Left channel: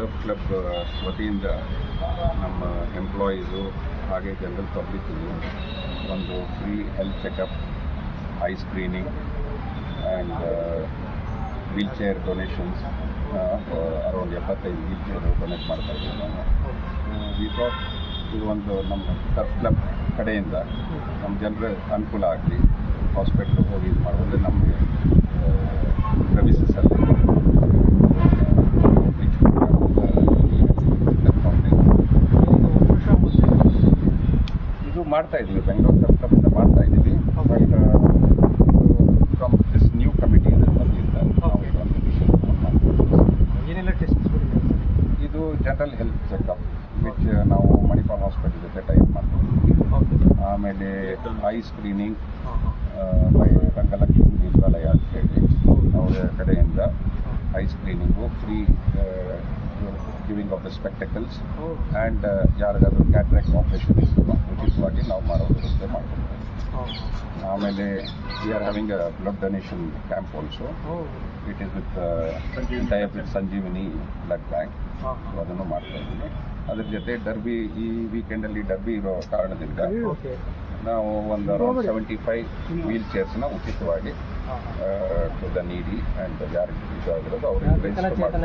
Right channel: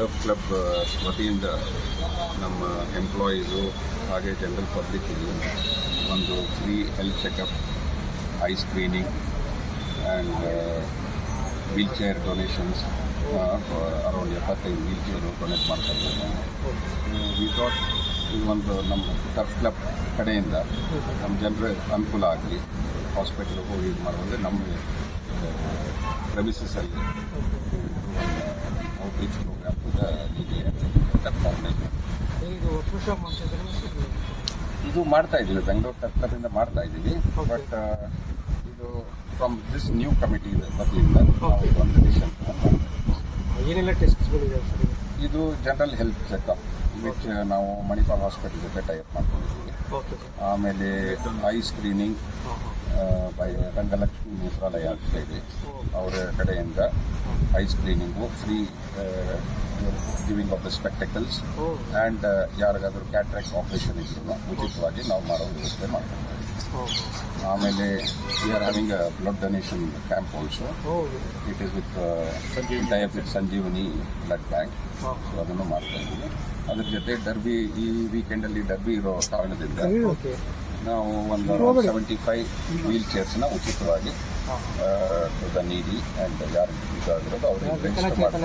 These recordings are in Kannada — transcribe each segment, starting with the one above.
ಟರ್ಫ್ ಕ್ಲಬ್ ವತಿಯಿಂದ ನಮ್ಮ ಎಂಪ್ಲಾಯೀಸು ಹಾಗೆ ಜನರಲ್ ಪಬ್ಲಿಕ್ಕಿಗೆ ಒಂದು free health checkup, I screening and wheel chair donations around 75 wheel chair donate ಮಾಡ್ತಾ ಇದ್ದೀವಿ ನಾವು. ವಿ ಥಾಟ್ ಇದು ಒಂದು ನಮ್ಮ ಟರ್ಫ್ ಕ್ಲಬ್ ಕಡೆಯಿಂದ ನಮ್ಮ ಜನರ ಅನುಕೂಲ ಆಗಲಿ, ಹಾಸ್ಪಿಟ್ಲಿಗೆ ಹೋಗಿ ಇದು ಮಾಡುವಂದರೆ ನಮ್ಮ ಪ್ರಮಿಸಸ್ಸಲ್ಲಿ ಔಟ್ರೀಚ್ ಇದು ಮಾಡ್ತಾ ಇದ್ದೀವಿ. ಬೆಂಗಳೂರು ಟರ್ಫ್ ಕ್ಲಬ್ಬಿಂದ ಮಾಡ್ತಾ ಇದ್ದೀವಿ. ಬಟ್ ಇದು ಫ್ರಮ್ ದಿಸ್ ನ್ಯೂ ಕಮಿಟಿ ಇದೆ ಮೊದಲಿಂದ ನಾವು ಇದೊಂದು ಡಿಸಿಷನ್ ಏನೆಲ್ಲ ಟೆಸ್ಟ್ಗಳಿದೆ ಸರ್? ಇದು ಜನರಲ್ ಹೆಲ್ತ್ ಚೆಕಪ್ ವಿಚ್ ನಾವು ಮಣಿಪಾಲ್ ಹಾಸ್ಪಿಟಲ್ ಜೊತೆ ಟೈಪ್ ಮಾಡ್ಕೊಂಡಿದ್ದೀವಿ. ಆಮೇಲೆ ಐ ಸ್ಕ್ರೀನಿಂಗ್ ಬೈ ರಂಗಲಕ್ಷ್ಮಿ ನೇತ್ರಾಲಯ ಅಂತ ಹೇಳಿ ಅವರ ಕಡೆಯಿಂದ I screening free giving of the spectacles and ಯಾರಿಗಾದರೂ ಕ್ಯಾಟ್ರಾಕ್ಟ್ ಆಪರೇಷನ್ ಇತ್ತು ಉಚಿತವಾಗಿ ನಾವು ಮಾಡೋ ವ್ಯವಸ್ಥೆ ಮಾಡ್ಕೊಳ್ತೇವೆ. ಆಮೇಲೆ we are having a blood donation camp also. It is with type with Sanjeevani blood bank. So ಅದನ್ನು ಮಾಡ್ತಾ ಇದ್ದೀನಿ. ಅದ್ರ ಜೊತೆ ಡರ್ಬಿ ಈ ವೀಕೆಂಡಲ್ಲಿ ಡರ್ಬಿ ಇರೋ ಕಾರಣದಿಂದ ನಾವು ಒಂದು ಅರೌಂಡ್ 75 ವೀಲ್ ಚೇರ್ಸ್ನ ಉಚಿತವಾಗಿ ಟು ದ ನೀಡಿ ಆ್ಯಂಡ್ ಯಾರಿಗೆ ಇದಾಗಿರೋದು ಅವ್ರಿಗೆ ರಿಜಿಸ್ಟರ್ ಮಾಡಿ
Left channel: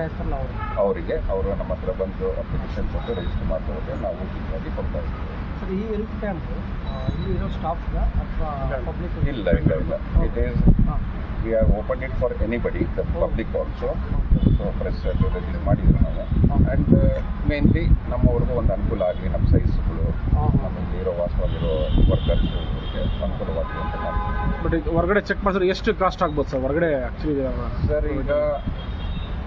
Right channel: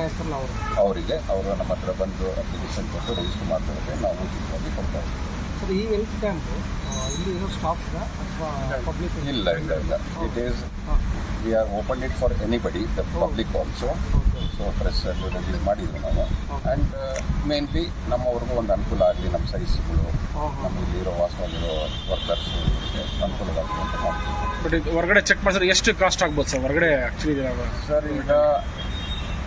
ಅವರಿಗೆ ಅವರು ನಮ್ಮ ಹತ್ರ ಬಂದು ಅಪ್ಲಿಕೇಶನ್ ಕೊಟ್ಟು ರಿಜಿಸ್ಟರ್ ಮಾಡಿದ್ರೆ ನಾವು ಉಚಿತವಾಗಿ ಕೊಡ್ತಾ ಇದ್ದೀವಿ. ಸರ್, ಈ ಹೆಲ್ತ್ ಕ್ಯಾಂಪ್ ಇಲ್ಲಿ ಇರೋ ಸ್ಟಾಫ್ ಅಥವಾ ಪಬ್ಲಿಕ್? ಇಲ್ಲ. It is we are open it for anybody, the public also. So press release ಮಾಡಿದ್ರು ನಾವು. ಆ್ಯಂಡ್ ಮೇನ್ಲಿ ನಮ್ಮವ್ರಿಗೂ ಒಂದು ಅನುಕೂಲ ಆಗಲಿ, ನಮ್ಮ ಸೈಜ್ಗಳು ನಮ್ಮಲ್ಲಿ ಇರೋ ವಾಸವಾಗಿರೋ ವರ್ಕರ್ಸು ಇವರಿಗೆ ಅನುಕೂಲವಾಗಲಿ ಅಂತ ಮಾಡ್ತೀವಿ. ಬಟ್ ಇದು ಹೊರಗಡೆ ಚೆಕ್ ಮಾಡಿದ್ರೆ ಎಷ್ಟು ಕಾಸ್ಟ್ ಆಗ್ಬೋದು ಸರ್ ಹೊರಗಡೆ ಆ್ಯಕ್ಚುಲಿ? ಸರ್, ಈಗ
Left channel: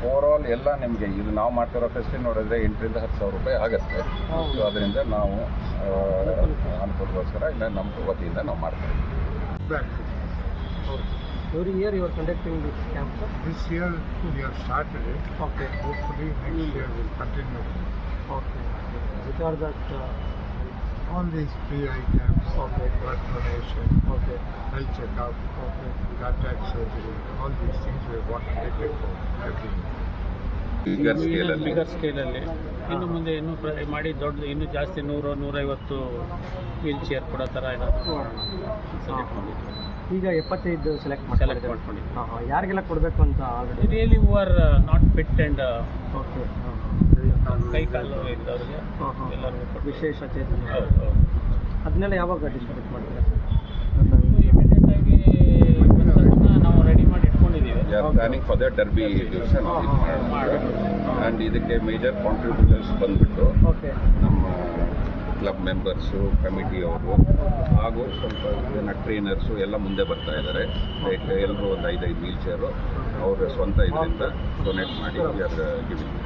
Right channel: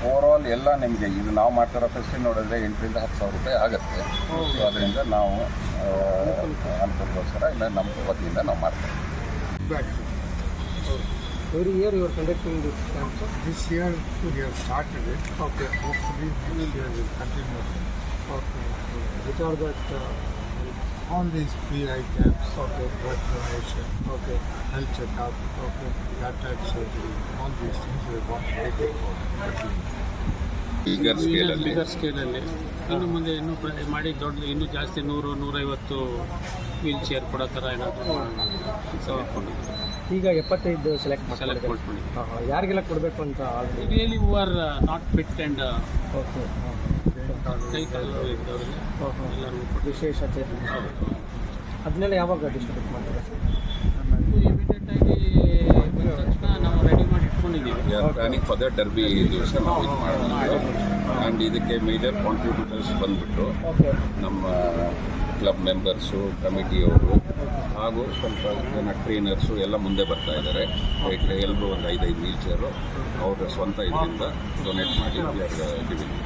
ಓವರಾಲ್ ಎಲ್ಲ ನಿಮಗೆ ಇದು ನಾವು ಮಾಡ್ತಿರೋ ಫೆಸ್ಟಿನ್ ನೋಡಿದ್ರೆ 8,000 to 10,000 ರೂಪಾಯಿ ಆಗುತ್ತೆ. ಸೊ ಅದರಿಂದ ನಾವು ಅನುಕೂಲಗೋಸ್ಕರ ಇಲ್ಲ ನಮ್ಮ ವತಿಯಿಂದ ನಾವು ಮಾಡ್ತಾ ಇದ್ದೀವಿ. Every year you are conducting this camp, sir? This year we have started it. Okay. Hopefully next year we'll continue. Okay. Which are that? All these free eye camps, Okay. blood donation, Okay. health checkup, Okay. cataract surgery, all these things we want to take it for every year. ಈಗರ್ ಸ್ಕೇಲಲ್ಲಿ ಇನ್ನು ಮುಂದೆ ಇನ್ನೂ ಮಾಡಿ ದೊಡ್ಡ ಇನ್ನೂ ಜಾಸ್ತಿ 100-150 ವೀಲ್ ಚೇರ್ ಕೊಡೋ ಥರ ಏನಾದರೂ ಮಾಡೋಣ ಸೆಲೆಕ್ಟ್ ಮಾಡಿದ್ವಿ. ಈಗ 75 ಸೆಲೆಕ್ಟ್ ಮಾಡ್ಕೊಂಡಿದ್ವಿ. ಯಾರಿಗೆಲ್ಲ ಕೊಡಬೇಕು ಅಂತ? Really who are not fit and okay. ಕೈ ಕಾಲು ಇದ್ದವ್ರಿಗೆ ಎಲ್ಲರಿಗೂ ಕೊಟ್ಟು ವಿಶೇಷ ಚೇತನ. ಹೌದು. ಅದನ್ನೆಲ್ಲ ಯಾವಾಗ ಡಿಸ್ಟ್ರಿಬ್ಯೂಟ್ ಮಾಡ್ತೀರಾ ಸರ್? ಇಮಿಡಿಯೇಟಾಗಿ ಬಂದ ತಕ್ಷಣ ನಾವು ರೆಡಿ ಮಾಡಿ ಇಟ್ಕೊಂಡಿದ್ದೀವಿ. We are planning for the derby ದಿವಸ ನಾವು ಇದು ಮಾಡೋಣ. ಆ್ಯಂಡ್ ಇದಕ್ಕೆ ಮೇಜರ್ ಕಾಂಟ್ರಿಬ್ಯೂಟರ್ಸ್ ಬಂದುಬಿಟ್ಟು ಓಕೆ. ನಮ್ಮ ಕ್ಲಬ್ ಮೆಂಬರ್ಸು, ಕಮಿಟಿಯವರು ಹಾಗೂ ಸ್ವಲ್ಪ ಜನ ಟ್ರೈನರ್ಸು ಎಲ್ಲ ಮುಂದೆ ಬರ್ತಾ ಇದ್ದಾರೆ. ಎಲ್ಲರೂ ಒಂದು 5 ವೀಲ್ ಚೇರು ಅವ್ರ ಸ್ವಂತ ಇದರಿಂದ ಡೊನೇಟ್ ಮಾಡಿ ವಿ ಆರ್ ಗಿವಿಂಗ್.